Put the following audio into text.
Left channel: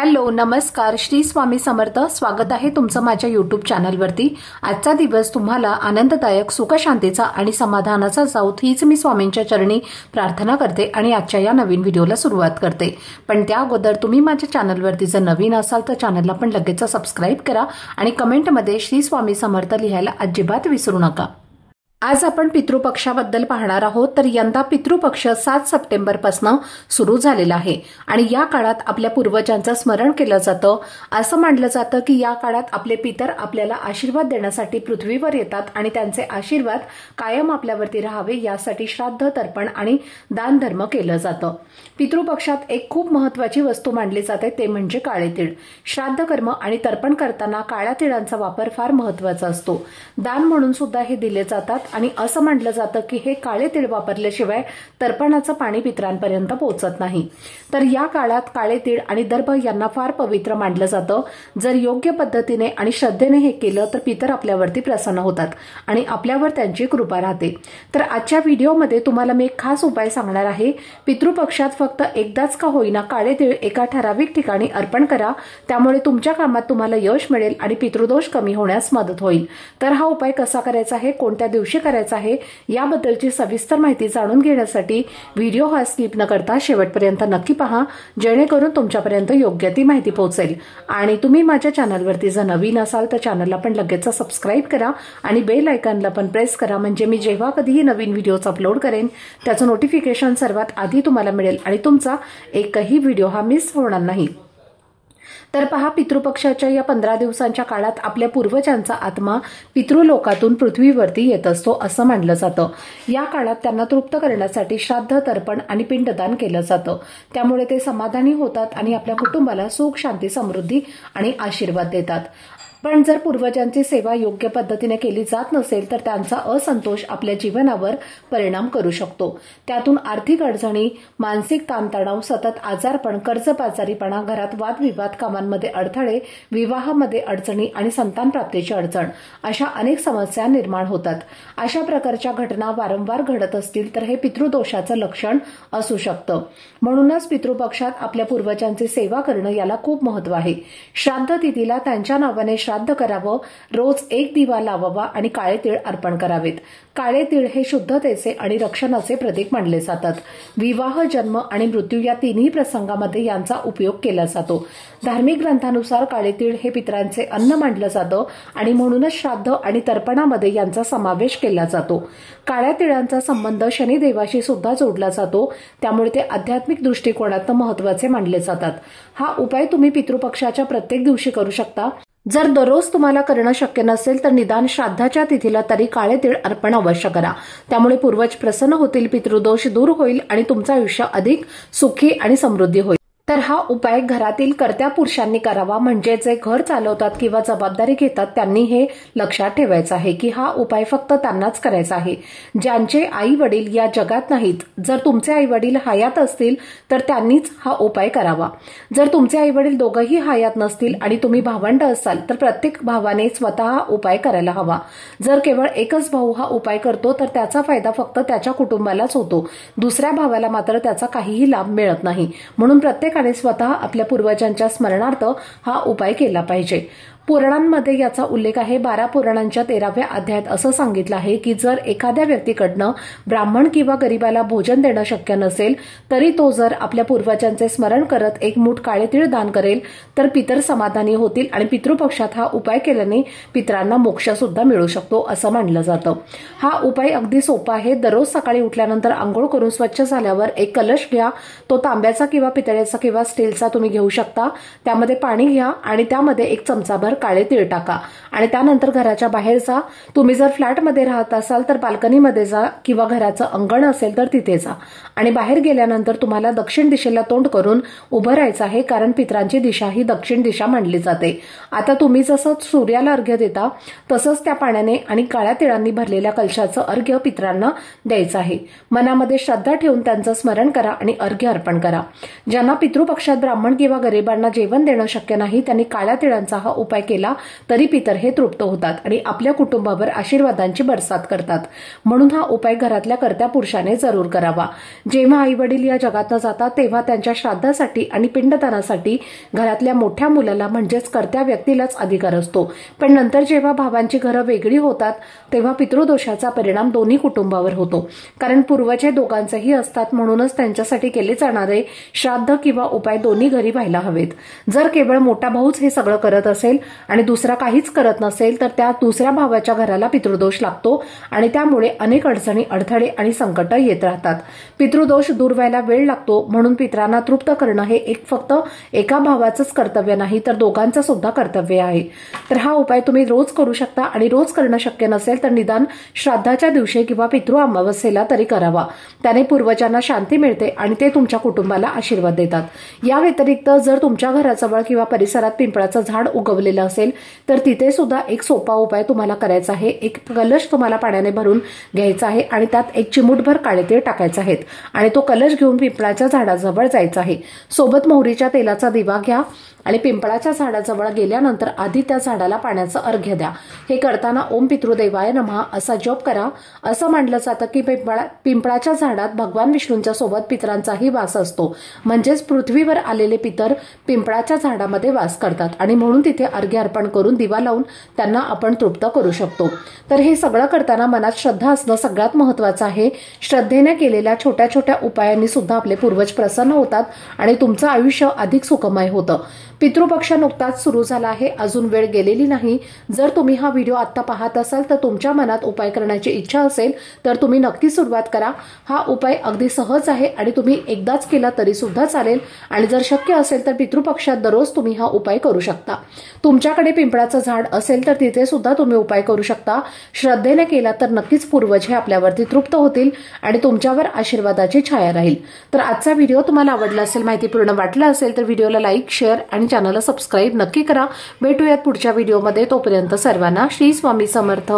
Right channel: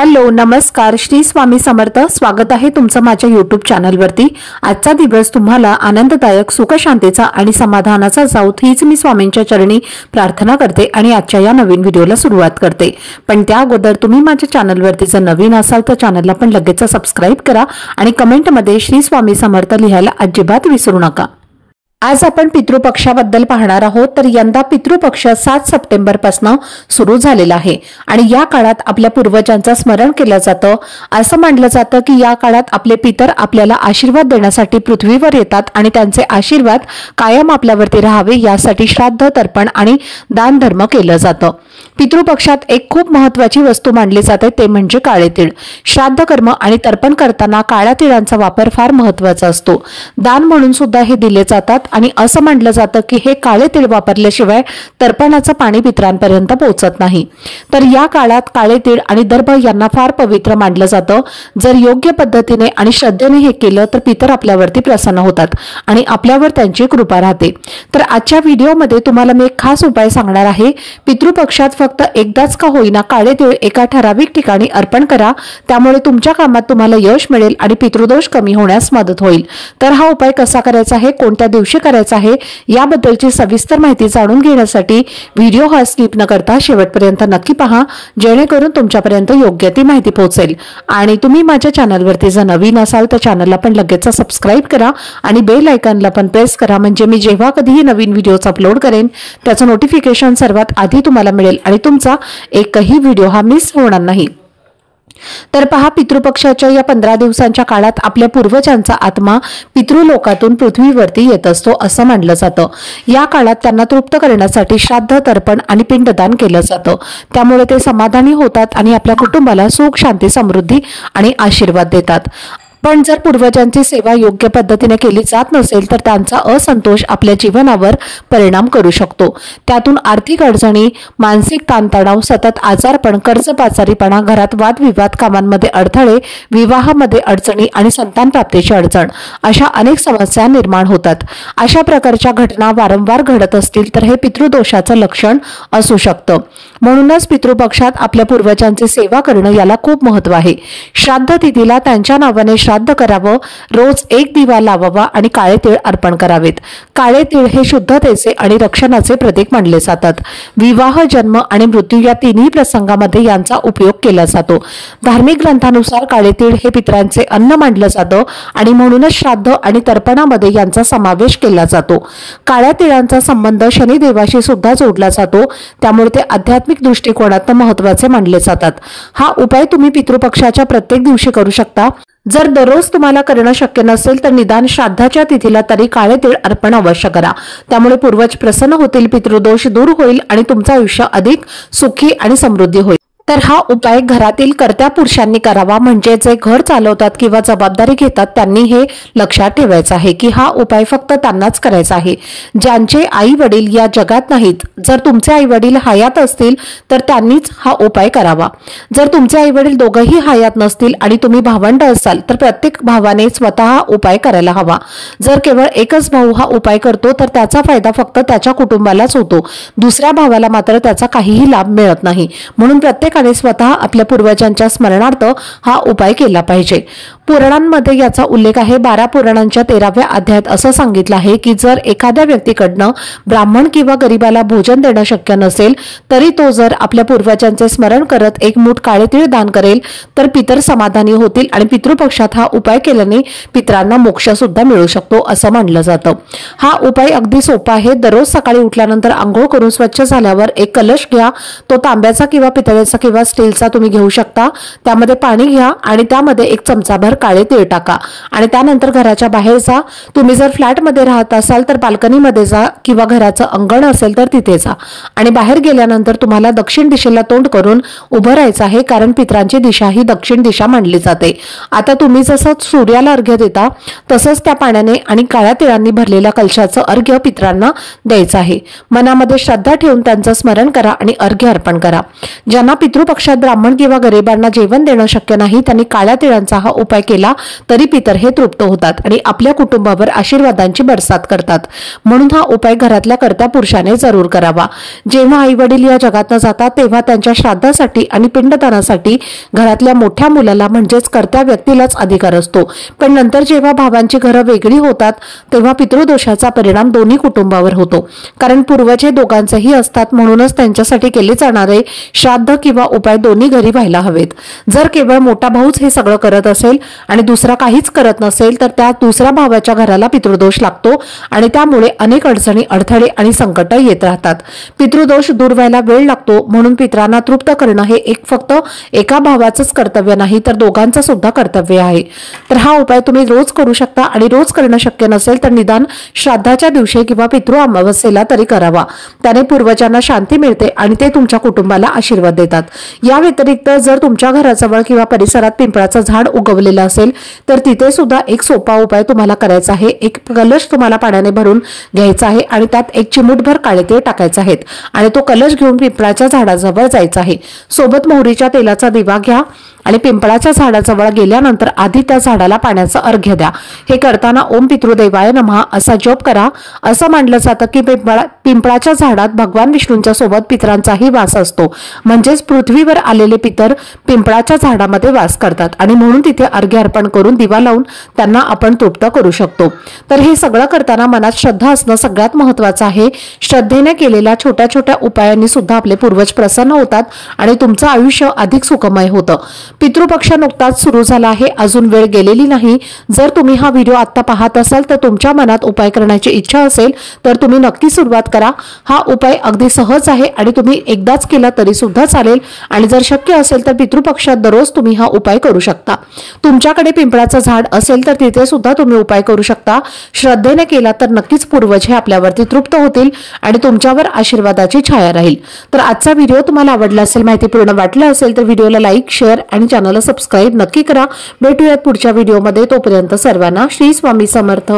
Hello नमस्कार श्री स्वामी समर्थ। स्वागत आहे तुमचं माझ्या YouTube चॅनलवरती। आजचा दिवस तुम्हाला आनंददायक सुख शांतीचा आणि समाधानाचा जाऊ हीच मी स्वामींच्या चरणी प्रार्थना करते आणि आजच्या या नवीन व्हिडिओला सुरुवात करते। पण त्या अगोदर तुम्ही माझ्या चॅनलवरती जर नवीन असाल तर चॅनलला पण लगेच सबस्क्राइब करा आणि कमेंटमध्ये श्री स्वामी समर्थ लिहायला अजिबात विसरू नका। आज आपण पितृपक्षाबद्दल पाहणार आहोत। तर यंदा पितृपक्ष 7 सप्टेंबर पासून सुरू झालेला आहे आणि या काळात आपल्या पूर्वजांचं स्मरण केलं जातं। असं मानलं जातं की या काळात आपले पितर आपल्याला आशीर्वाद देण्यासाठी पृथ्वीवर येतात आणि त्यांचे आशीर्वाद कायम आपल्यावरती राहावे यासाठी श्राद्ध, तर्पण आणि दान धर्म केलं जातं। पितृपक्षात एक खूप महत्त्वाची वस्तू मानली जाते ते म्हणजे काळे तीळ। श्राद्ध कर्म आणि तर्पण करताना काळ्या तिळांचा वापर फार महत्त्वाचा असतो। दान म्हणून सुद्धा हे दिले जातात आणि असं म्हटलं जातं की हे काळे तीळ वापरल्याशिवाय तर्पणाचं पाणी पितरांपर्यंत पोहोचत नाही। तर या काळात काळे तीळ आणि दर्भ यांना फार पवित्र मानलं जातं। जर योग्य पद्धतीने आणि श्रद्धेने हे केलं तर पितर आपल्यावरती प्रसन्न होतात आणि आपल्यावर त्यांची कृपा राहते। तर आजच्या व्हिडिओमध्ये तुम्हाला मी एक खास उपाय सांगणार आहे। पितृपक्षात फक्त एकदाच का होईना काळे तीळ एका ठराविक ठिकाणी अर्पण करा, त्यामुळे तुमच्या कामात तुम्हाला यश मिळेल आणि पितृदोष कमी होण्यास मदत होईल। तर हा उपाय कसा करायचा आहे, कोणत्या दिवशी करायचा आहे याबद्दलची सविस्तर माहिती जाणून घेण्यासाठी व्हिडिओ हा स्किप न करता शेवटपर्यंत नक्की पहा, जेणेकरून तुमच्यापर्यंत योग्य ती माहिती पोहोचेल। आणि तुम्ही माझ्या चॅनलवरती जर नवीन असाल तर चॅनलला पण लगेच सबस्क्राइब करा आणि बेल आयकॉनला पण प्रेस करा, म्हणजे मी जेव्हा कधीही नवीन व्हिडिओज अपलोड करेन त्याचं नोटिफिकेशन सर्वात आधी तुम्हाला मिळेल आणि तुमचा एकही व्हिडिओ हा मिस होणार नाही। तर पहा, पितृपक्षाच्या या 15 दिवसांच्या काळात आपल्या पूर्वजांचा आत्मा पितृलोकातून पृथ्वीवरती येत असतो असं मानलं जातं। या काळात त्यांना तृप्त करण्यासाठी श्राद्ध, तर्पण आणि पिंडदान केलं जातं, त्यामुळे ते समाधानी होतात आणि आपल्या कुटुंबाला सुख, शांती, समृद्धी आणि आशीर्वाद देतात। पण जर पूर्वजांची सेवा योग्य पद्धतीने केली जात नसेल तर त्यांचा असंतोष आपल्या जीवनावर परिणाम करू शकतो। त्यातून आर्थिक अडचणी, मानसिक ताणतणाव, सतत आजारपण, कर्जबाजारीपणा, घरात वादविवाद, कामांमध्ये अडथळे, विवाहामध्ये अडचणी आणि संतान प्राप्तीची अडचण अशा अनेक समस्या निर्माण होतात। अशा प्रकारच्या घटना वारंवार घडत असतील तर हे पितृदोषाचं लक्षण असू शकतं। म्हणूनच पितृपक्षात आपल्या पूर्वजांची सेवा करणं याला खूप महत्त्व आहे। श्राद्ध तिथीला त्यांच्या नावाने श्राद्ध करावं, रोज एक दिवा लावावा आणि काळे तीळ अर्पण करावेत। काळे तीळ हे शुद्धतेचे आणि रक्षणाचे प्रतीक मानले जातात। विवाह, जन्म आणि मृत्यू या तिन्ही प्रसंगामध्ये यांचा उपयोग केला जातो। धार्मिक ग्रंथानुसार काळे तीळ हे पितरांचे अन्न मानलं जातं आणि म्हणूनच श्राद्ध आणि तर्पणामध्ये यांचा समावेश केला जातो। काळ्या तिळांचा संबंध शनिदेवाशी सुद्धा जोडला जातो, त्यामुळे ते आध्यात्मिक दृष्टिकोनातून महत्त्वाचे मानले जातात। हा उपाय तुम्ही पितृपक्षाच्या प्रत्येक दिवशी करू शकता। जर दररोज तुम्हाला करणं शक्य नसेल तर निदान श्राद्धाच्या तिथीला तरी काळे तीळ अर्पण अवश्य करा, त्यामुळे पूर्वज प्रसन्न होतील, पितृदोष दूर होईल आणि तुमचं आयुष्य अधिक सुखी आणि समृद्धी होईल। तर हा उपाय घरातील कर्त्या पुरुषांनी करावा, म्हणजे जे घर चालवतात किंवा जबाबदारी घेतात त्यांनी हे लक्षात ठेवायचं आहे की हा उपाय फक्त त्यांनाच करायचा आहे ज्यांचे आई वडील या जगात नाहीत। जर तुमचे आई वडील हयात असतील तर त्यांनीच हा उपाय करावा। जर तुमचे आई वडील दोघंही हयात नसतील आणि तुम्ही भावंड असाल तर प्रत्येक भावाने स्वतः उपाय करायला हवा। जर केवळ एकच भाऊ हा उपाय करतो तर त्याचा फायदा फक्त त्याच्या कुटुंबालाच होतो, दुसऱ्या भावाला मात्र त्याचा काहीही लाभ मिळत नाही। म्हणून प्रत्येक स्वतः आपल्या पूर्वजांच्या स्मरणार्थ हा उपाय केला पाहिजे। पुराणांमध्ये याचा उल्लेख आहे। 12 पुराणांच्या 13व्या अध्यायात असं सांगितलं आहे की जर एखाद्या व्यक्तीकडनं ब्राह्मण किंवा गरीबाला भोजन देणं शक्य नसेल तरी तो जर आपल्या पूर्वजांचे स्मरण करत एक मूठ काळे तीळ दान करेल तर पितर समाधानी होतील आणि पितृपक्षात हा उपाय केल्याने पितरांना मोक्ष सुद्धा मिळू शकतो असं मानलं जातं। हा उपाय अगदी सोपा आहे। दररोज सकाळी उठल्यानंतर आंघोळ करून स्वच्छ झाल्यावर एक कलश घ्या, तो तांब्याचा किंवा पितळेचा किंवा स्टीलचा तुम्ही घेऊ शकता। त्यामध्ये पाणी घ्या आणि त्यामध्ये एक चमचाभर काळे तीळ टाका आणि त्यानंतर घराच्या बाहेर जा। तुम्ही जर फ्लॅटमध्ये राहत असाल तर बाल्कनीमध्ये जा किंवा घराचं अंगण असेल तर तिथे जा आणि बाहेर गेल्यानंतर तुम्हाला दक्षिण दिशेला तोंड करून उभं राहायचं आहे, कारण पितरांची दिशा ही दक्षिण दिशा मानली जाते। आता तुम्ही जसं सूर्याला अर्घ्य देता तसंच त्या पाण्याने आणि काळ्या तिळांनी भरलेल्या कलशाचं अर्घ्य पितरांना द्यायचं आहे। मनामध्ये श्रद्धा ठेवून त्यांचं स्मरण करा आणि अर्घ्य अर्पण करा। ज्यांना पितृपक्षात ब्राह्मण किंवा गरिबांना जेवण देणं शक्य नाही त्यांनी काळ्या तिळांचा हा उपाय केला तरी पितर हे तृप्त होतात आणि आपल्या कुटुंबावर आशीर्वादांची बरसात करतात। म्हणून हा उपाय घरातल्या कर्त्या पुरुषाने जरूर करावा। जेव्हा आई वडील या जगात जातात तेव्हा त्यांच्या श्राद्धासाठी आणि पिंडदानासाठी घरातल्या मोठ्या मुलाला म्हणजेच कर्त्या व्यक्तीलाच अधिकार असतो, पण नंतर जेव्हा भावांची घरं वेगळी होतात तेव्हा पितृदोषाचा परिणाम दोन्ही कुटुंबावर होतो, कारण पूर्वज हे दोघांचेही असतात। म्हणूनच त्यांच्यासाठी केले जाणारे श्राद्ध किंवा उपाय दोन्ही घरी व्हायला हवेत। जर केवळ मोठा भाऊच हे सगळं करत असेल आणि दुसरा काहीच करत नसेल तर त्या दुसऱ्या भावाच्या घराला पितृदोष लागतो आणि त्यामुळे अनेक अडचणी, अडथळे आणि संकट येत राहतात। पितृदोष दूर व्हायला वेळ लागतो, म्हणून पितरांना तृप्त करणं हे फक्त एका भावाचंच कर्तव्य नाही तर दोघांचं सुद्धा कर्तव्य आहे। तर हा उपाय तुम्ही रोज करू शकता आणि रोज करणं शक्य नसेल तर निदान श्राद्धाच्या दिवशी किंवा पितृ अमावस्येला तरी करावा। त्याने पूर्वजांना शांती मिळते आणि ते तुमच्या कुटुंबाला आशीर्वाद देतात। या व्यतिरिक्त जर तुमच्या घराजवळ किंवा परिसरात पिंपळाचं झाड उगवलेलं असेल तर तिथे सुद्धा एक सोपा उपाय तुम्हाला करायचा आहे। एक कलश तुम्हाला पाण्याने भरून घ्यायचा आहे आणि त्यात एक चिमूटभर काळे तीळ टाकायचे आहेत आणि तो कलश घेऊन पिंपळाच्या झाडाजवळ जायचा आहे। सोबत मोहरीच्या तेलाचा दिवा घ्या आणि पिंपळाच्या झाडाजवळ गेल्यानंतर आधी त्या झाडाला पाण्याचा अर्घ्य द्या। हे करताना ओम पितृदेवाय नमः असा जप करा। असं मानलं जातं की पिंपळाच्या झाडात भगवान विष्णूंच्या सोबत पितरांचाही वास असतो, म्हणजेच पृथ्वीवर आलेले पितर पिंपळाच्या झाडामध्ये वास करतात आणि म्हणून तिथे अर्घ्य अर्पण करून दिवा लावून त्यांना आपण तृप्त करू शकतो। तर हे सगळं करताना मनात श्रद्धा असणं सगळ्यात महत्त्वाचं आहे। श्रद्धेने केलेल्या छोट्या छोट्या उपायांनी सुद्धा आपले पूर्वज प्रसन्न होतात आणि तुमचं आयुष्य अधिक सुखमय होतं। पितृपक्ष नुकताच सुरू झाला आहे, अजून वेळ गेलेली नाही। जर तुम्ही हा व्हिडिओ आता पाहत असाल तर तुमच्या मनात उपाय करण्याची इच्छा असेल तर तुम्ही नक्की सुरुवात करा। हा उपाय अगदी सहज आहे आणि तुम्ही एकदाच केला तरी सुद्धा चालेल आणि जर शक्य असेल तर पितृपक्षात दररोज तुम्ही हा उपाय करू शकता। तुमच्याकडे पिंपळाचं झाड असेल तर तिथे सुद्धा तुम्ही उपाय करू शकता। श्रद्धेने केला तर नक्कीच पूर्वज हे आपल्यावरती तृप्त होतील आणि तुमच्यावर आशीर्वादाची छाया राहील। तर आजचा व्हिडिओ तुम्हाला आवडला असेल, माहितीपूर्ण वाटला असेल तर व्हिडिओला लाईक, शेअर आणि चॅनलला सबस्क्राइब नक्की करा। भेटूयात पुढच्या व्हिडिओमध्ये, तोपर्यंत सर्वांना श्री स्वामी समर्थ।